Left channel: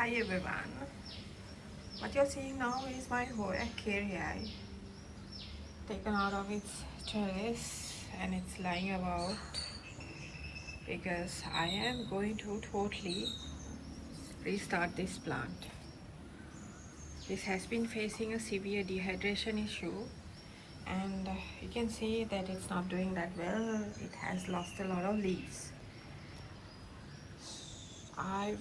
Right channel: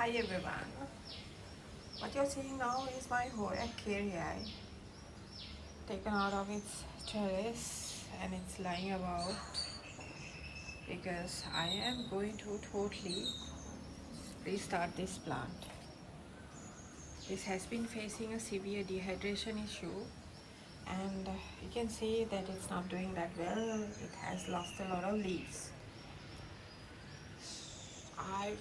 Hi everyone. What you're seeing now is my Hoya kerri taken out of its terrace and it's lying about because I am going to totally restart this plant. This has been facing a severe dehydration issue and you can see that it's not doing that well. It has lost a lot of leaves. I've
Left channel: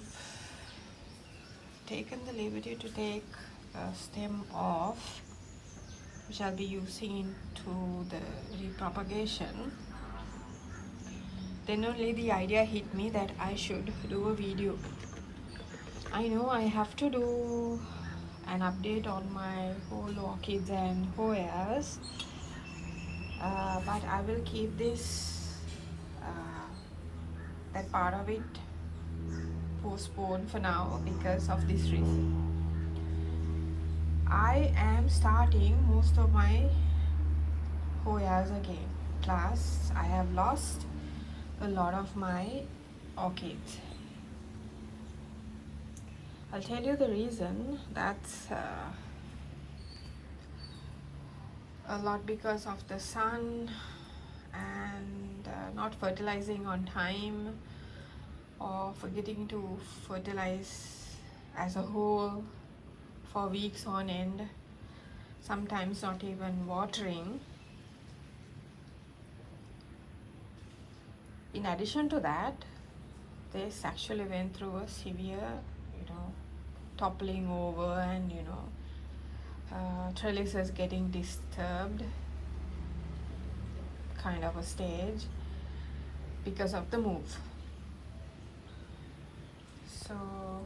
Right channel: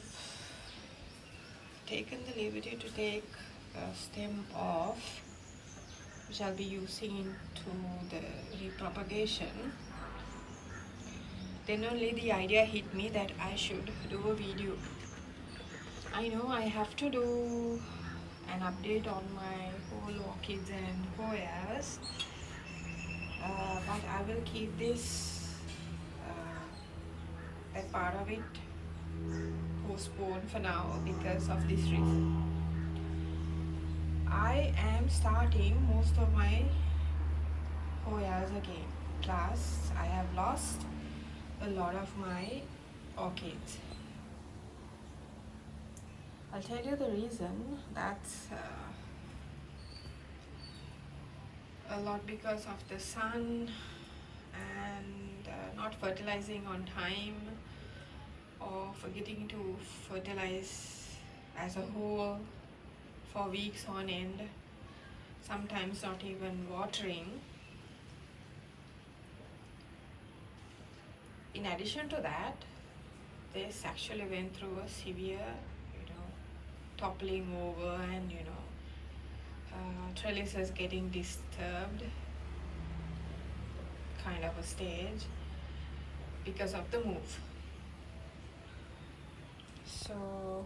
taken the liberty to take a stem off, which I'll be using into the repropagation. Then only the idea hit me that I should do a video. I know I have to do an update on my whole orchids and Hoyas, but I will keep this that part of it postponed for now because of this reason. I am starting most of my Hoyas again. Plus, I have lost a lot of my orchids. I'll tell you the reason. That's a lot because of the sun and not fertilizing on time or forgetting to fertilize as a whole for weeks on end, sometimes not even watering. In addition to that, this actually went through a severe, toppling over and trellises getting disturbed kind of a stage because of the move. So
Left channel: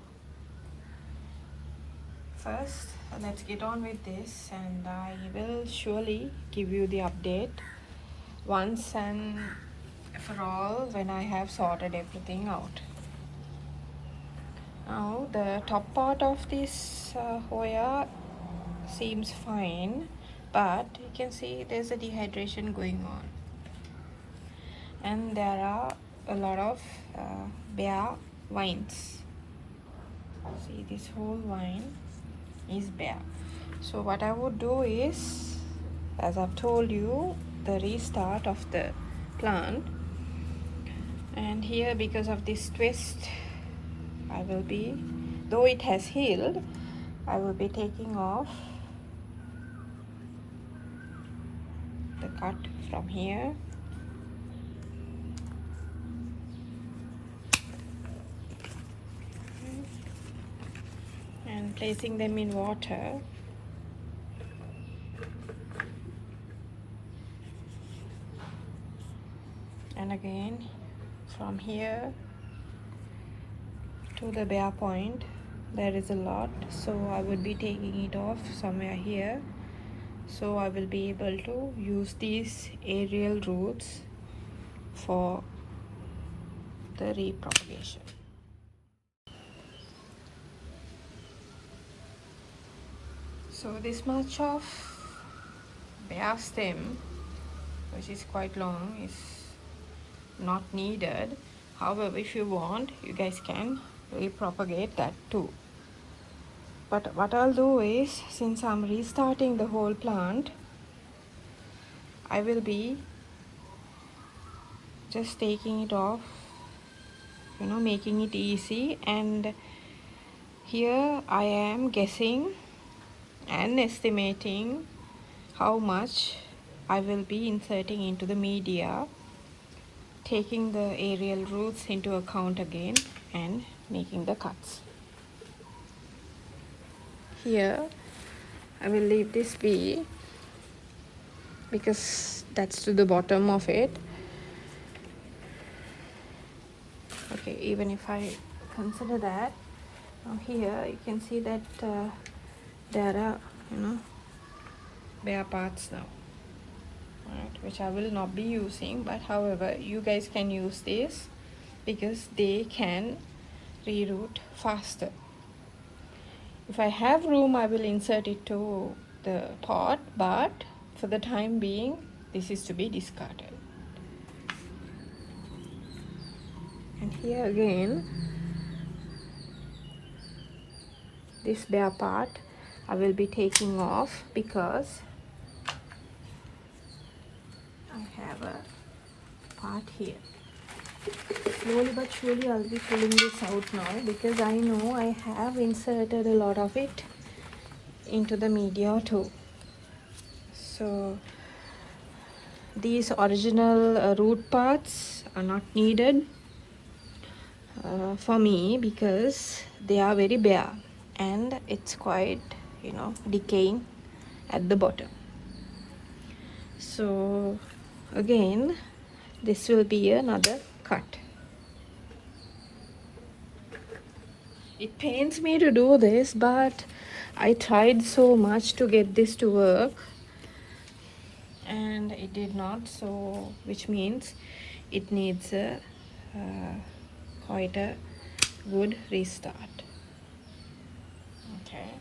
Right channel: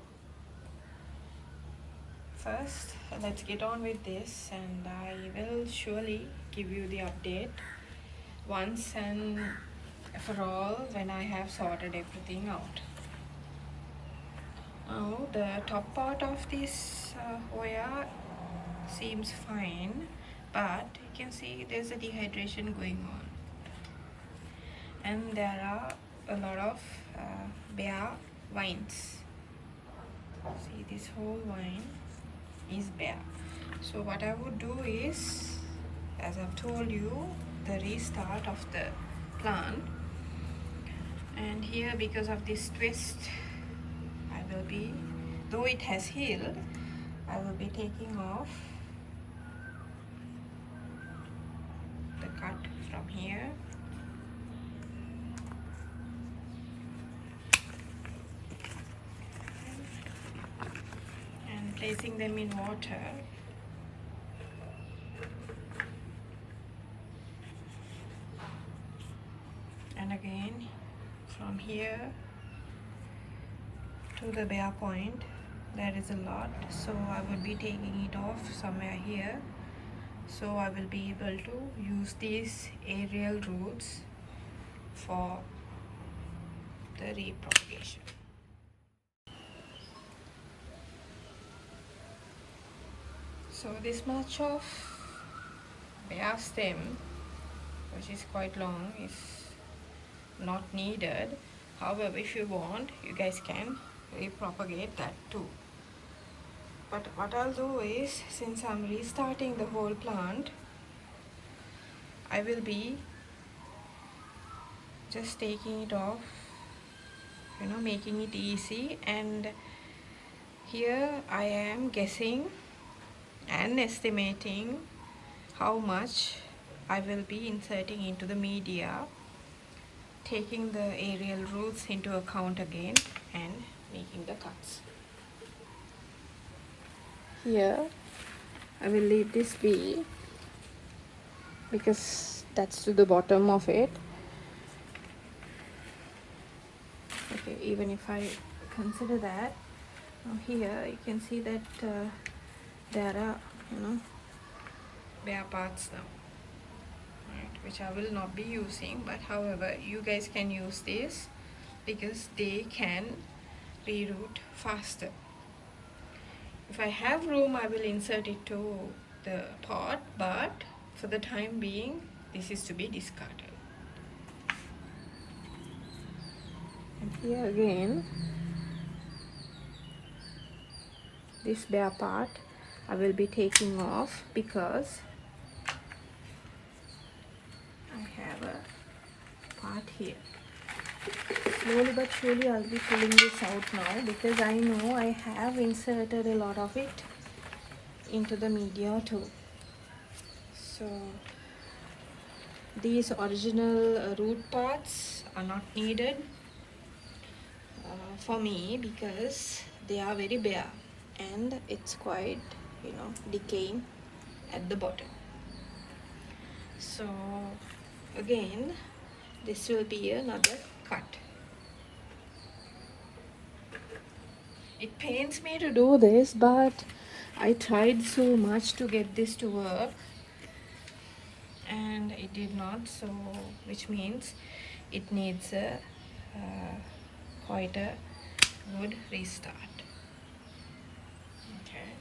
first let's get on with this, and I will surely give you the update once and for all when I have sorted everything out. Now the top part of this Hoya seems fine, but you can see there's a dehydration going on and there are a lot of bare vines. See, this whole vine is bare. So what I would do is, as I've told you, the restart of the plant, and here because of this twist I will be, though it has healed, I will be taking off the cut from here and placing them in water. And again from here to the bare point there is a lot, so I would be taking it off somewhere here, so I will be able to use these aerial roots for the repropagation. So this much of bare stem, which is quite long, is not needed. However, if you want, you guys can repropagate that too. But what I'll do is, since I'm restarting the whole plant, I will be just taking it off, making it easy. And here I am guessing and estimating how much I will be inserting into the media, taking the aerial roots into account again and making the cuts. Here I will leave this be because that's to the bottom of it. Okay, even if I consider that, now here you can see that there are bare parts now, right, which I will not be using, but however you guys can use this because they can reroot faster. If I have room, I will insert it to the pot, but for the time being this is to be discarded. And here again this bare part I will be taking off because I have a part here. Slowly but surely I'll be pulling this out now because I know I have inserted a lot of it into the media too. So these original root parts are not needed for me because they are very bare and it's quite, you know, decaying at the bottom. So again, this will be another cut. It pains me to do this, but I tried so much to get this to work and it did not, so which means it needs a quite a good restart. Okay.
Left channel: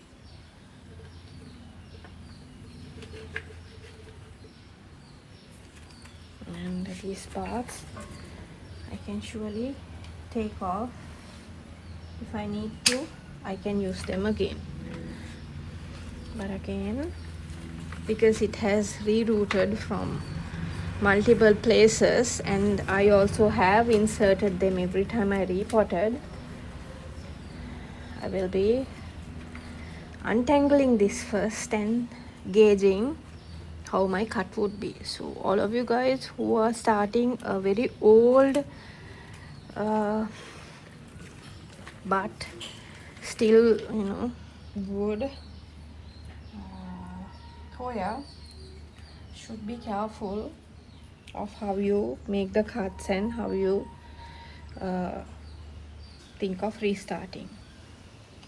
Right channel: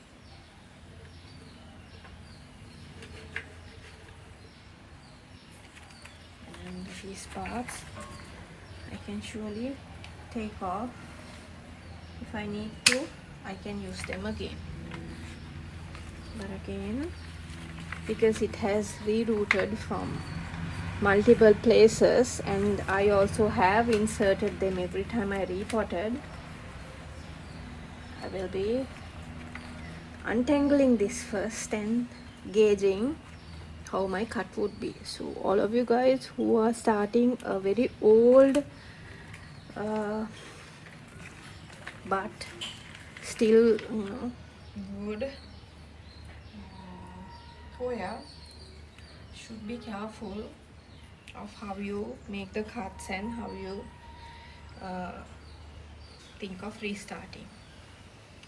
And these parts I can surely take off. If I need to, I can use them again. But again, because it has rerouted from multiple places and I also have inserted them every time I repotted, I will be untangling this first and gauging how my cut would be. So all of you guys who are starting a very old but still, you know, good Hoya should be careful of how you make the cuts and how you think of restarting.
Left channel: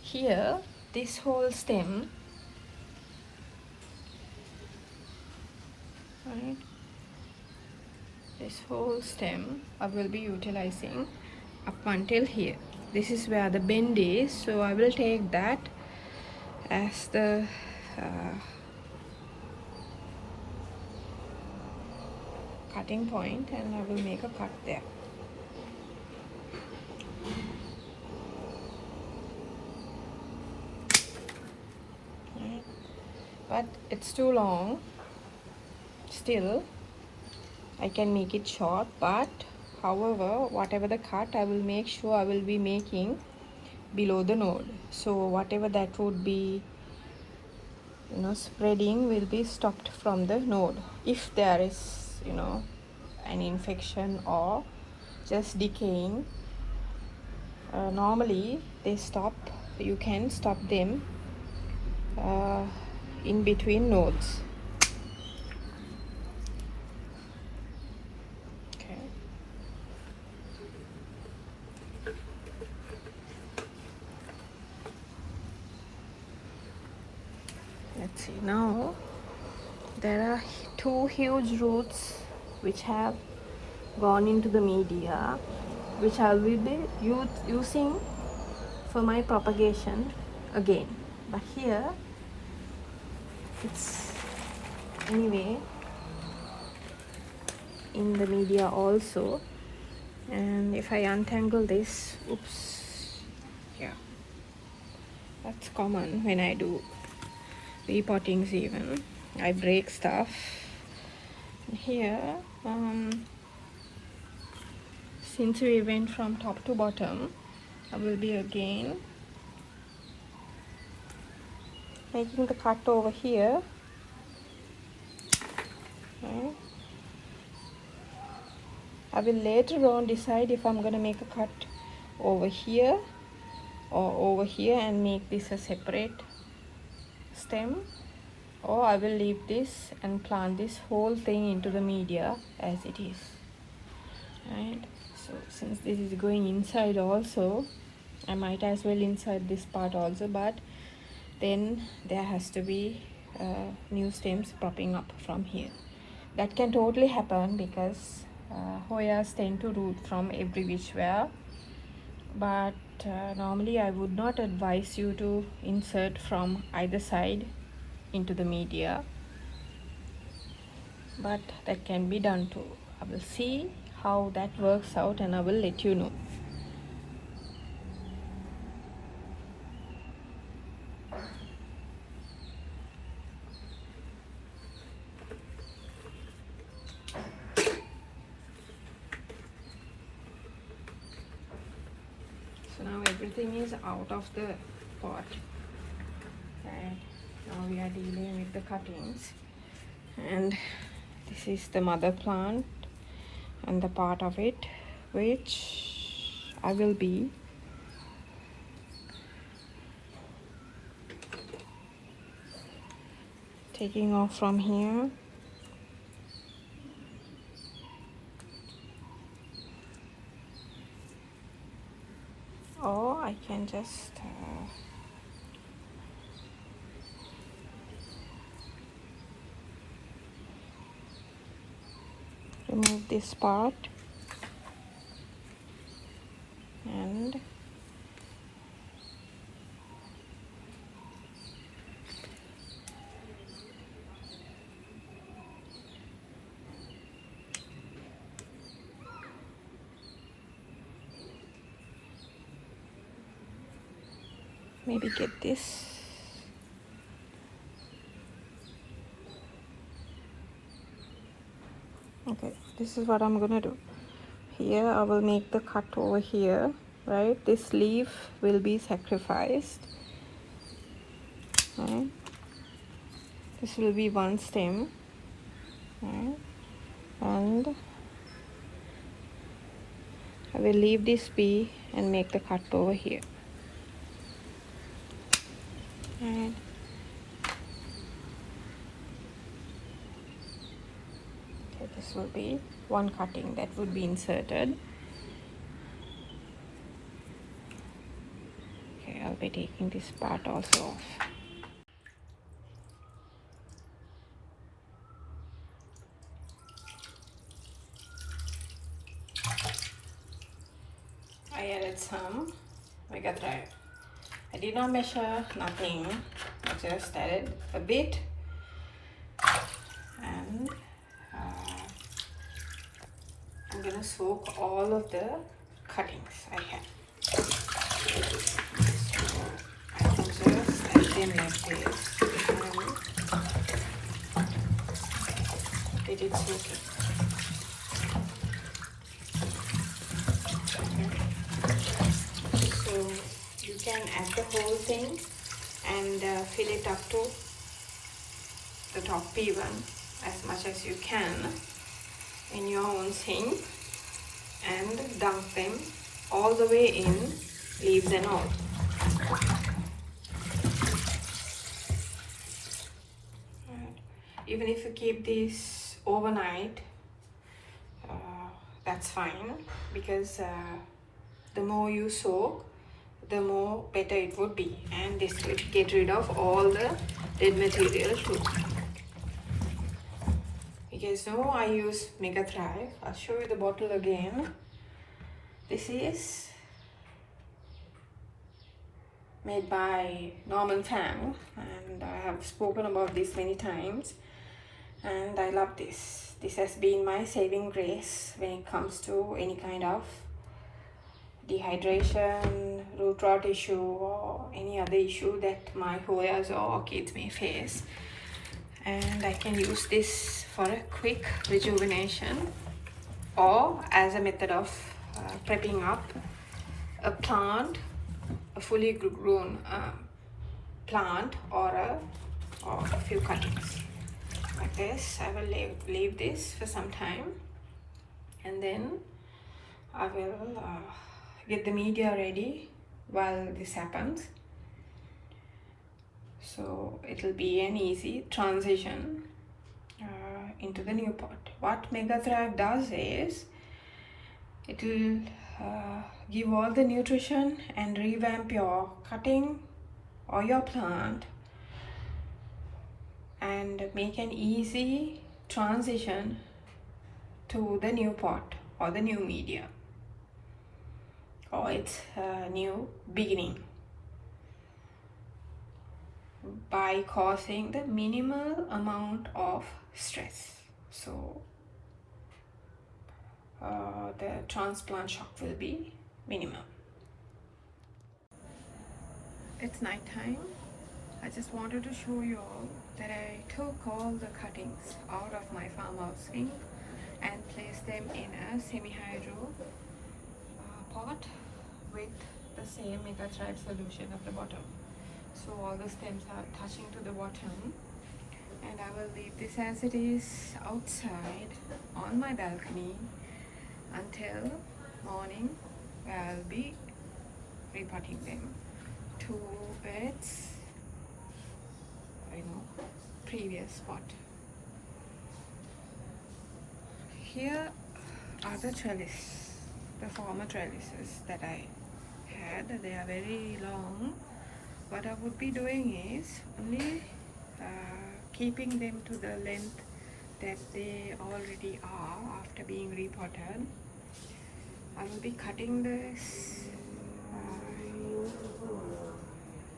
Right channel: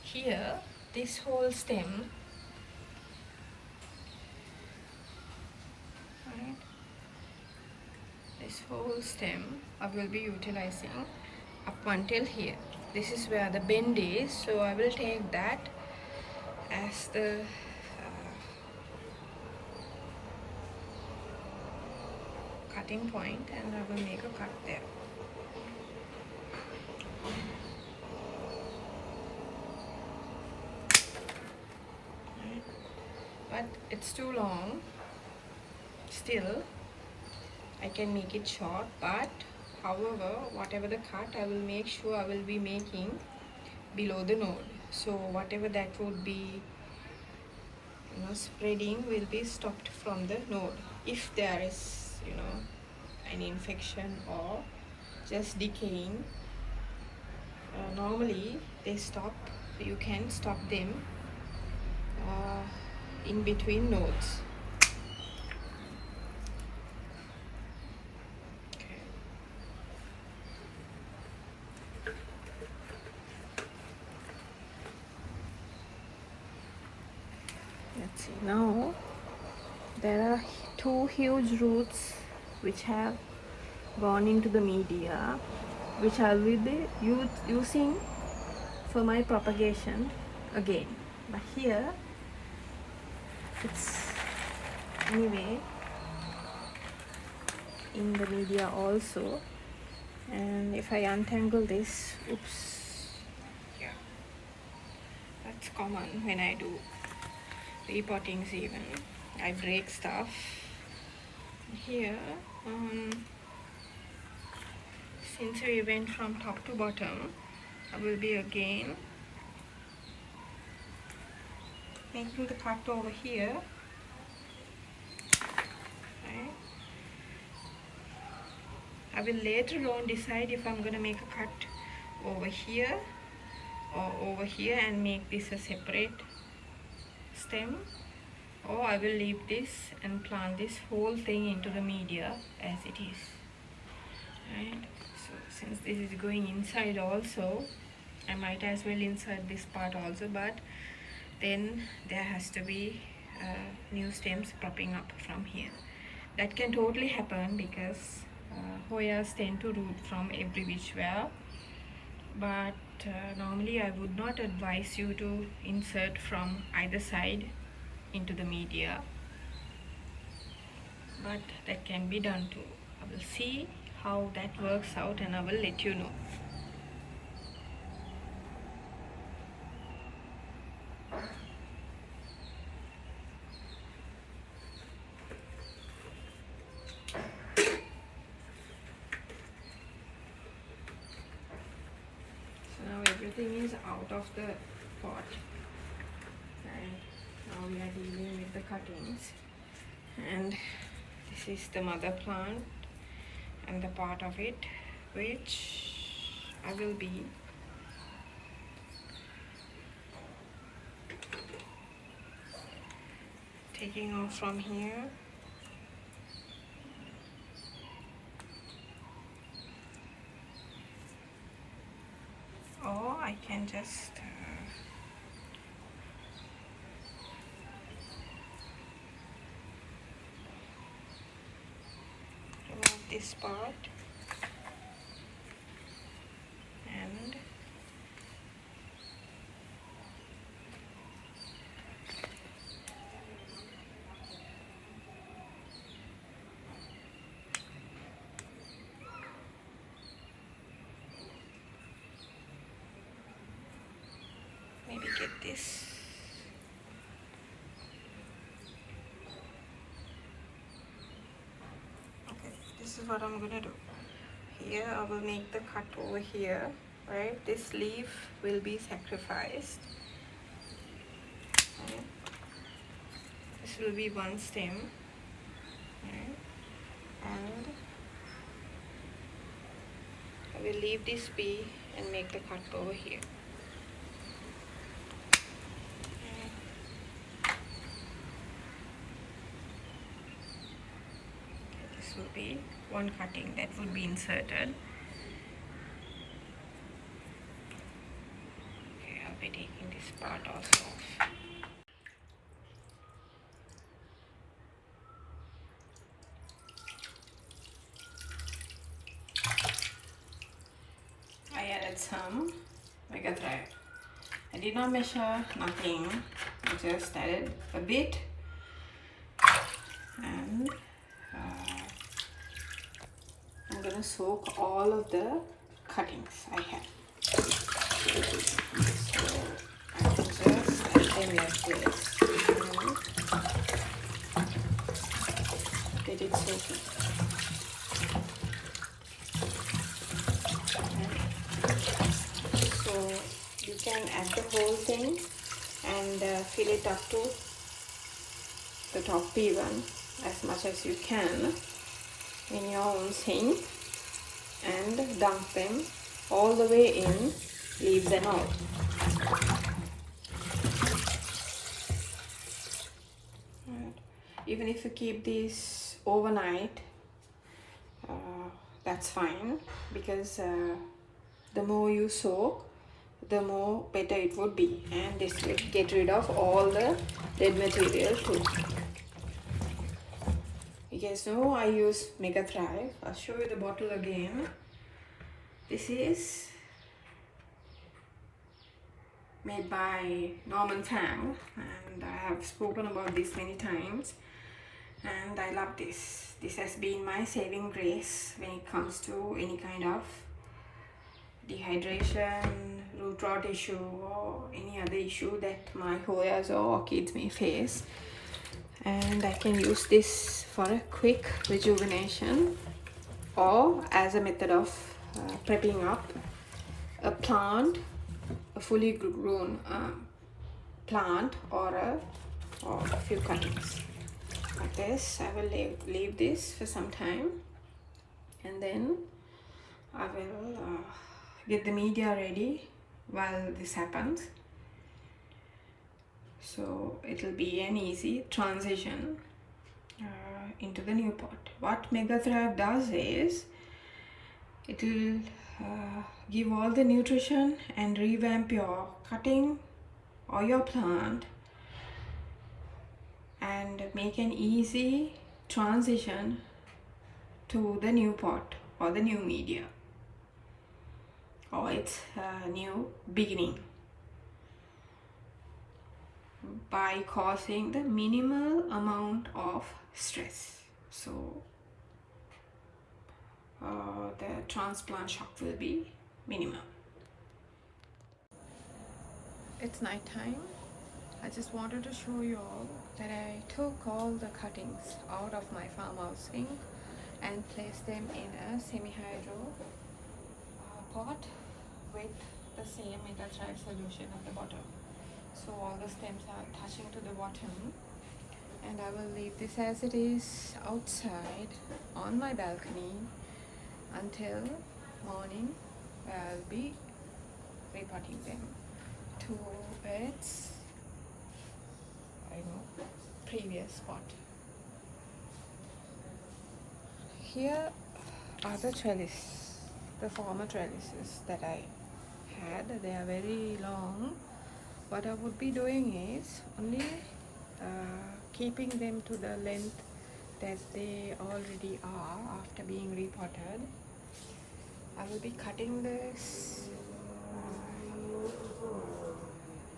Here, this whole stem, right, this whole stem I will be utilizing up until here. This is where the bend is, so I will take that as the cutting point and I will make a cut there. Right. But it's too long. Still, I can make it short, but however, whatever the cut, I will make sure I will be making below the node. So whatever that would be, you know, spreading will be stopped from the node. If there is, you know, an infection or just decaying, normally they stop. You can stop them in between nodes. Let's see, now there are two huge roots which have gone into the media, which I will be using for my propagation again. But here it's anyway in the media also, and if I untangle this, oops, yeah, that's common when I do repottings. Even I break stuff here. Since we went from top to bottom, I will be again making the cut over here, right? I will later on decide if I'm going to make a cut over here or over here and make this a separate stem, or I will leave this and plant this whole thing into the media as it is, right? So since this is going inside also, I might as well insert this part also, but then there has to be new stems popping up from here. That can totally happen because Hoyas tend to root from every which way, but normally I would not advise you to insert from either side into the media, but that can be done too. I will see how that works out and I will let you know. everything is out of the pot, and now we are dealing with the cuttings. And this is the mother plant and the part of it which I will be taking off from here. Or I can just remove this part and maybe get this. Okay, this is what I'm gonna do. Here I will make the cut over here, right? This leaf will be sacrificed. Right? This will be one stem, right? And I will leave this be and make the cut over here. Right. Okay, this will be one cutting that would be inserted. Okay, I'll be taking this part also off. I added some Mega Thrive. I did not measure, nothing. I just added a bit, and I'm gonna soak all of the cuttings I have. So I can just add them like this and get it soaking. So you can add the whole thing and fill it up to the top even as much as you can in your own sink and dump them all the way in, leave them out. Even if you keep this overnight, that's fine, because the more you soak, the more better it would be, and this will get rid of all the dead material too. You guys know I use Mega Thrive. I'll show you the bottle again. This is made by Norman Fang, and I have spoken about this many times, and I love this. This has been my saving grace when it comes to any kind of dehydration, root rot issue, or any other issue that my Hoyas or orchids may face. And I can use this for a quick rejuvenation or as a method of prepping up a plant, a fully grown plant, or a few cuttings. Like this, I will leave this for some time, and then I will get the media ready while this happens. So it will be an easy transition into the new pot. What Mega Thrive does is it will give all the nutrition and revamp your cutting or your plant and make an easy transition to the new pot or the new media or its new beginning, by causing the minimal amount of stress. So the transplant shock will be minimum. It's night time. I just wanted to show you all that I took all the cuttings out of my farmhouse sink and placed them in a semi-hydro pot with the the same megatrized solution at the bottom. So all the stems are touching to the bottom, and I will leave this as it is outside on my balcony until morning, where I'll be repotting them. 2 beds, previous spot. Here are the trellis, the former trellises that I had. They are very long. What I would be doing is only keeping them to the length that they already are after being repotted. I will be cutting this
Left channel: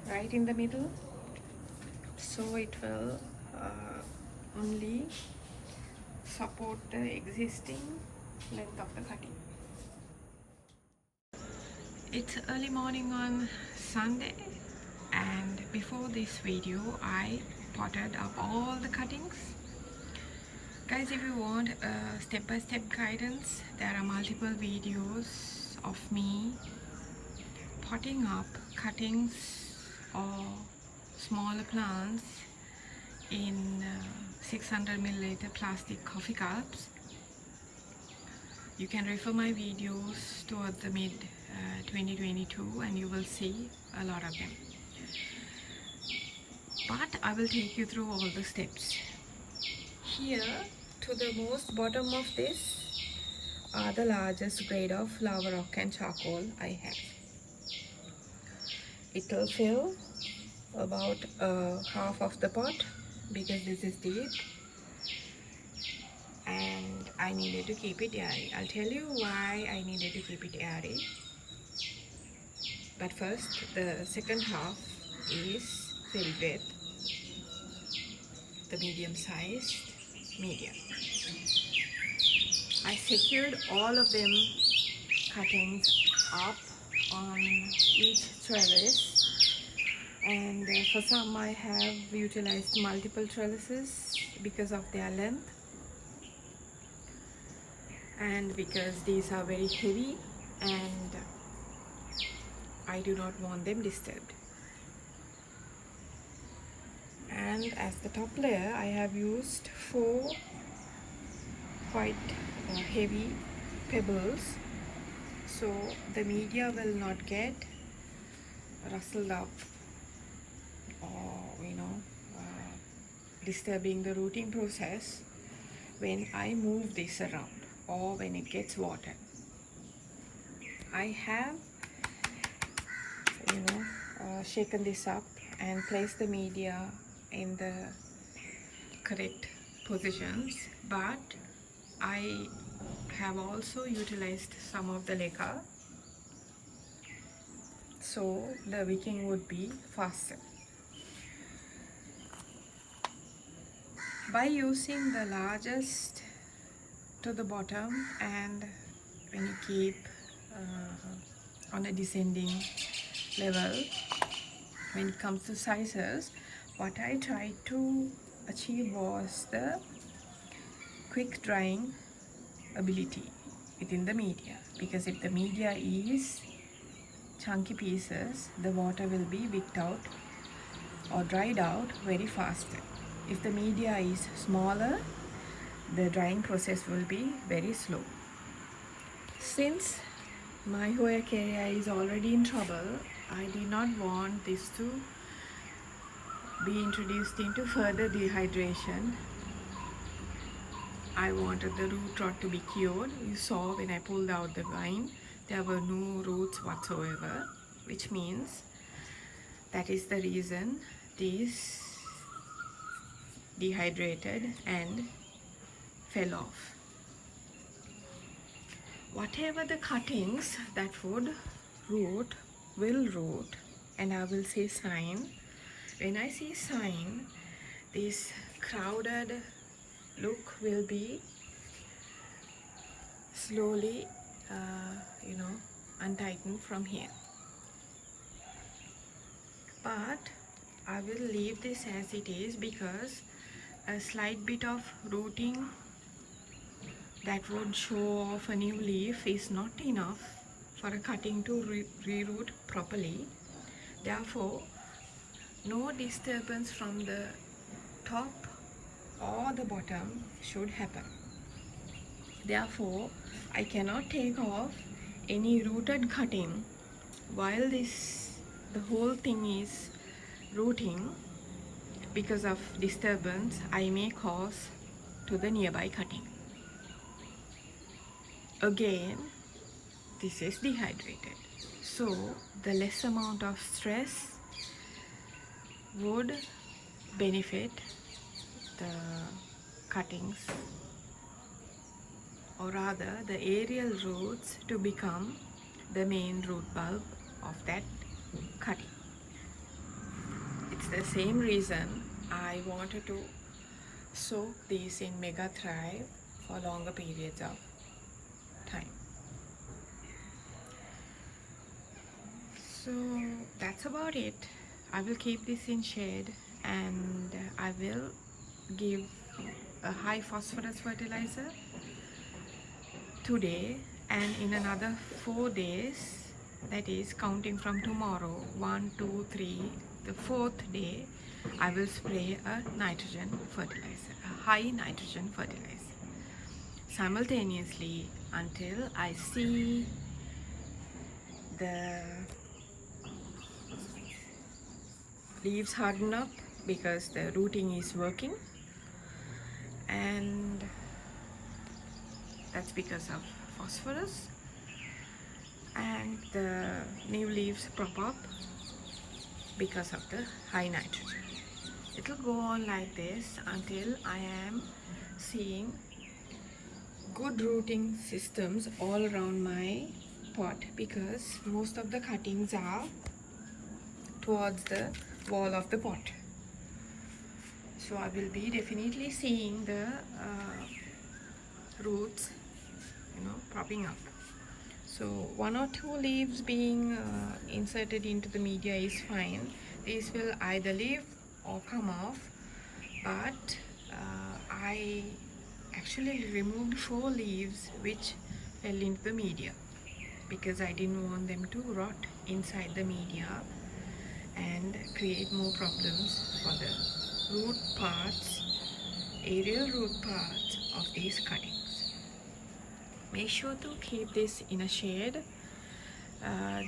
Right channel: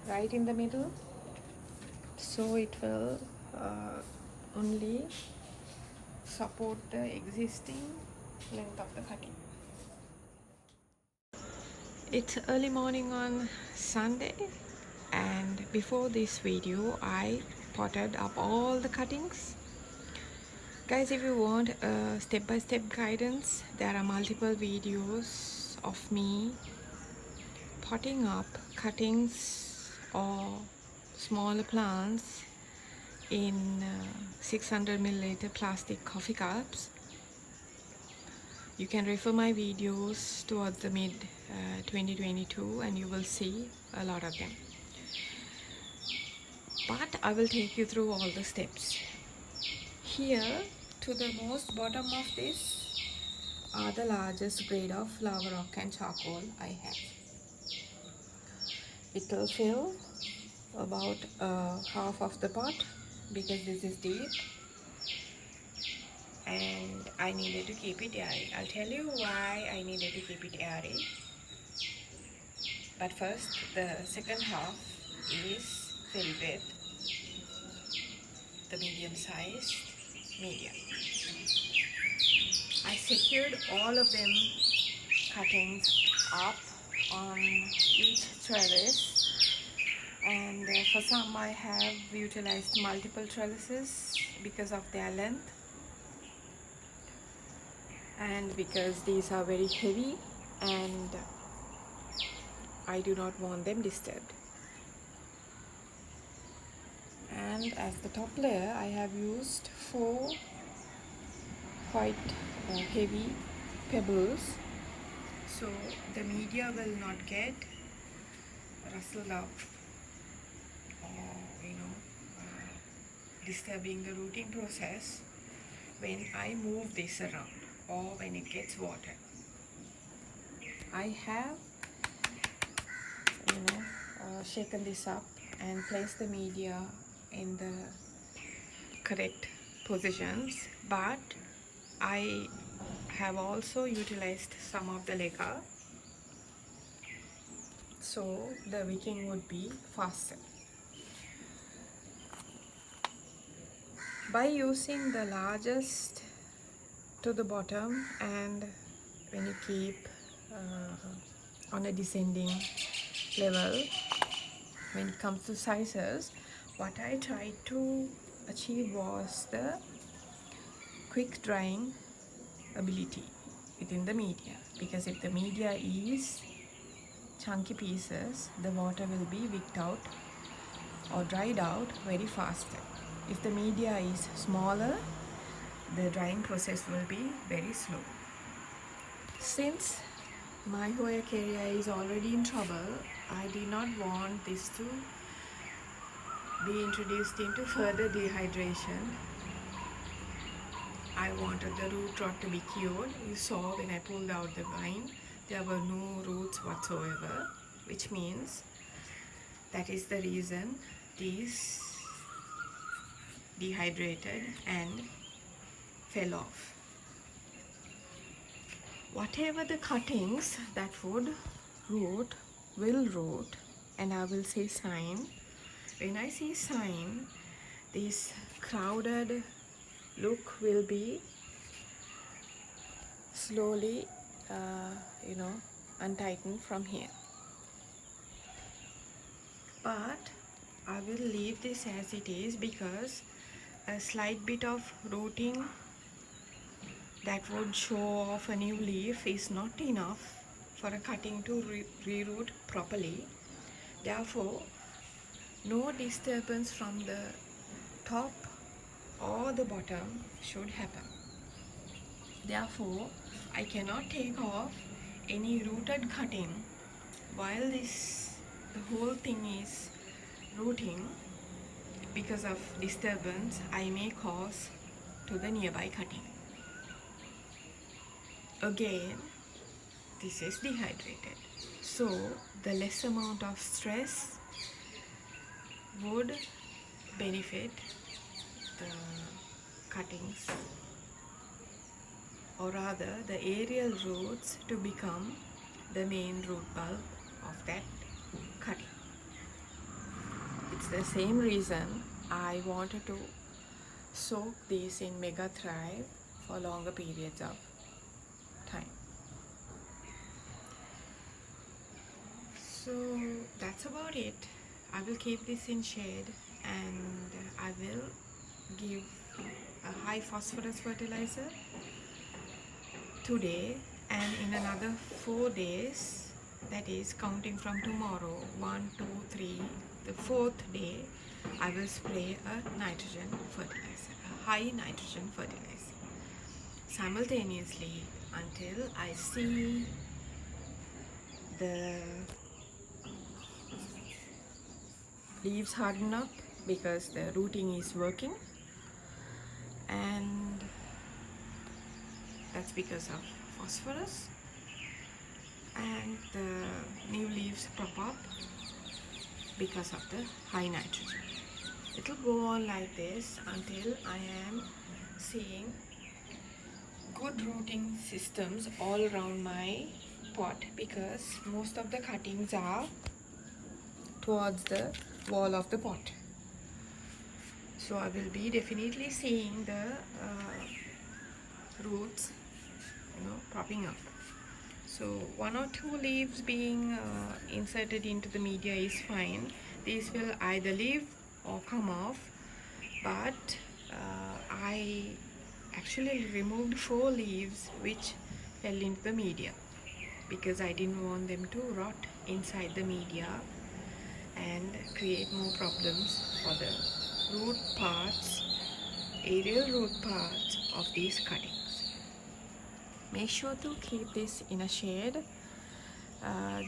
right in the middle, so it will only support the existing length of the cutting. It's early morning on Sunday, and before this video I potted up all the cuttings. Guys, if you want a step-by-step guidance, there are multiple videos of me potting up cuttings or smaller plants in 600 milliliter plastic coffee cups. You can refer my videos towards the mid 2022 and you will see a lot of them. But I will take you through all the steps. Here to the most bottom of this are the largest grade of lava rock and charcoal I have. It will fill about half of the pot because this is deep, and I needed to keep it airy. I'll tell you why I needed to keep it airy. But first, the second half is filled with the medium-sized medium. I secured all of them cuttings up on each trellis, and for some I have utilized multiple trellises because of their length and because these are very heavy and I do not want them disturbed. And as the top layer, I have used 4 quite heavy pebbles, so the media will not get rustled up or disturbing the rooting process when I move this around or when it gets water. I have shaken this up and placed the media in the correct positions, but I have also utilized some of the lacquer so the wicking would be faster. By using the largest to the bottom, and when you keep on a descending level when it comes to sizes, what I tried to achieve was the quick drying ability within the media, because if the media is chunky pieces, the water will be wicked out or dried out very faster. If the media is smaller, the drying process will be very slow. Since my Hoya kerri is already in trouble, I did not want this to be introduced into further dehydration. I wanted the root rot to be cured. You saw when I pulled out the vine, there were no roots whatsoever, which means that is the reason these dehydrated and fell off. Whatever the cuttings that would root will root, and I will see sign. When I see sign, this crowded look will be slowly untightened from here. But I will leave this as it is, because a slight bit of rooting that would show off a new leaf is not enough for a cutting to reroot properly. Therefore, no disturbance from the top or the bottom should happen. Therefore, I cannot take off any rooted cutting while the whole thing is rooting. Because of disturbance I may cause to the nearby cutting. Again, this is dehydrated, so the less amount of stress would benefit the cuttings, or rather the aerial roots to become the main root bulb of that cutting. It's the same reason I wanted to soak these in Mega Thrive for longer periods of time. So that's about it. I will keep this in shade, and I will give a high phosphorus fertilizer today, and in another 4 days, that is counting from tomorrow, 1, 2, 3, the 4th day, I will spray a nitrogen fertilizer, a high nitrogen fertilizer, simultaneously until I see the leaves harden up, because the rooting is working, and that's because of phosphorus, and the new leaves prop up because of the high nitrogen. It will go on like this until I am seeing good rooting systems all around my pot, because most of the cuttings are towards the wall of the pot. So I will be definitely seeing the roots, propping up. So 1 or 2 leaves being inserted into the media is fine. These will either leave or come off, but I actually removed 4 leaves which fell into the media, because I didn't want them to rot inside the media and create more problems for the root parts, aerial root parts of these cuttings. Make sure to keep this in a shade.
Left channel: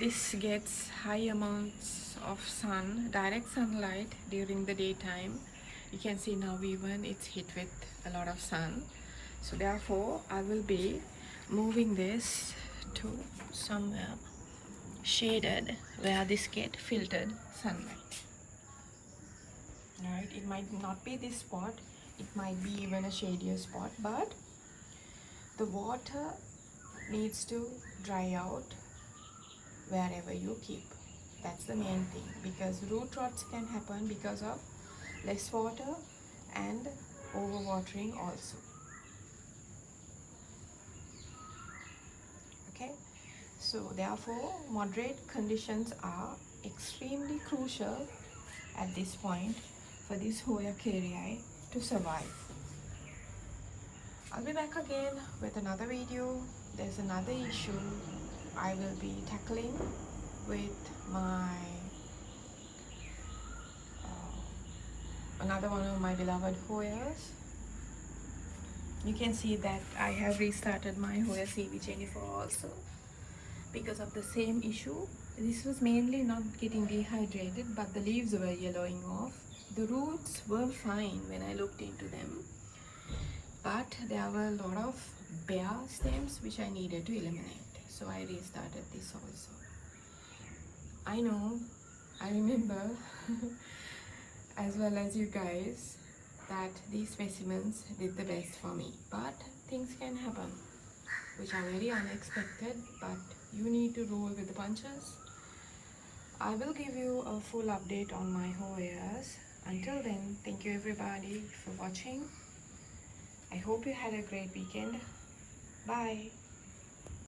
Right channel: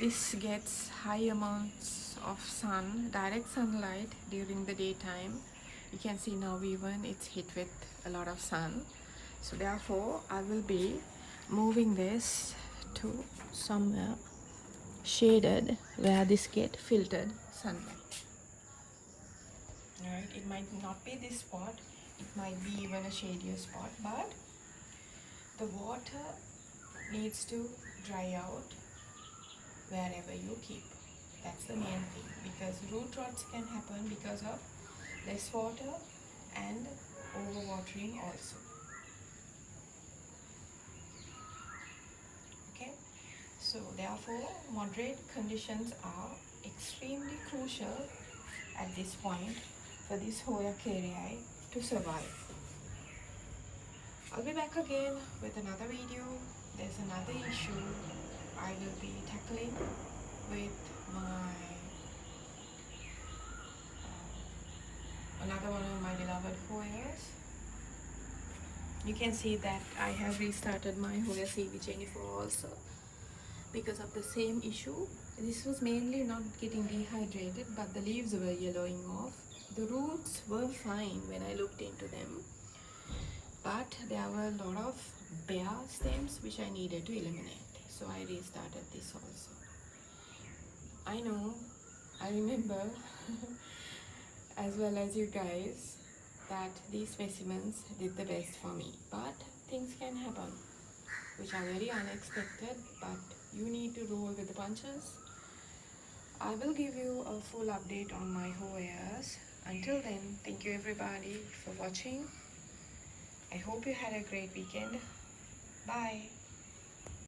This gets high amounts of sun, direct sunlight during the daytime. You can see now even it's hit with a lot of sun. So therefore I will be moving this to somewhere shaded where this get filtered sunlight. Alright, it might not be this spot, it might be even a shadier spot, but the water needs to dry out wherever you keep. That's the main thing, because root rots can happen because of less water and overwatering also. Okay, so therefore moderate conditions are extremely crucial at this point for this Hoya kerri to survive. I'll be back again with another video. There's another issue I will be tackling with my another one of my beloved Hoyas. You can see that I have restarted my Hoya CV24 also because of the same issue. This was mainly not getting dehydrated, but the leaves were yellowing off. The roots were fine when I looked into them, but there were a lot of bare stems which I needed to eliminate. So I restarted this also. I know, I remember as well as you guys that these specimens did the best for me, but things can happen which are very unexpected, but you need to roll with the punches. I will give you a full update on my Hoyas. Until then, thank you everybody for watching. I hope you had a great weekend. Bye.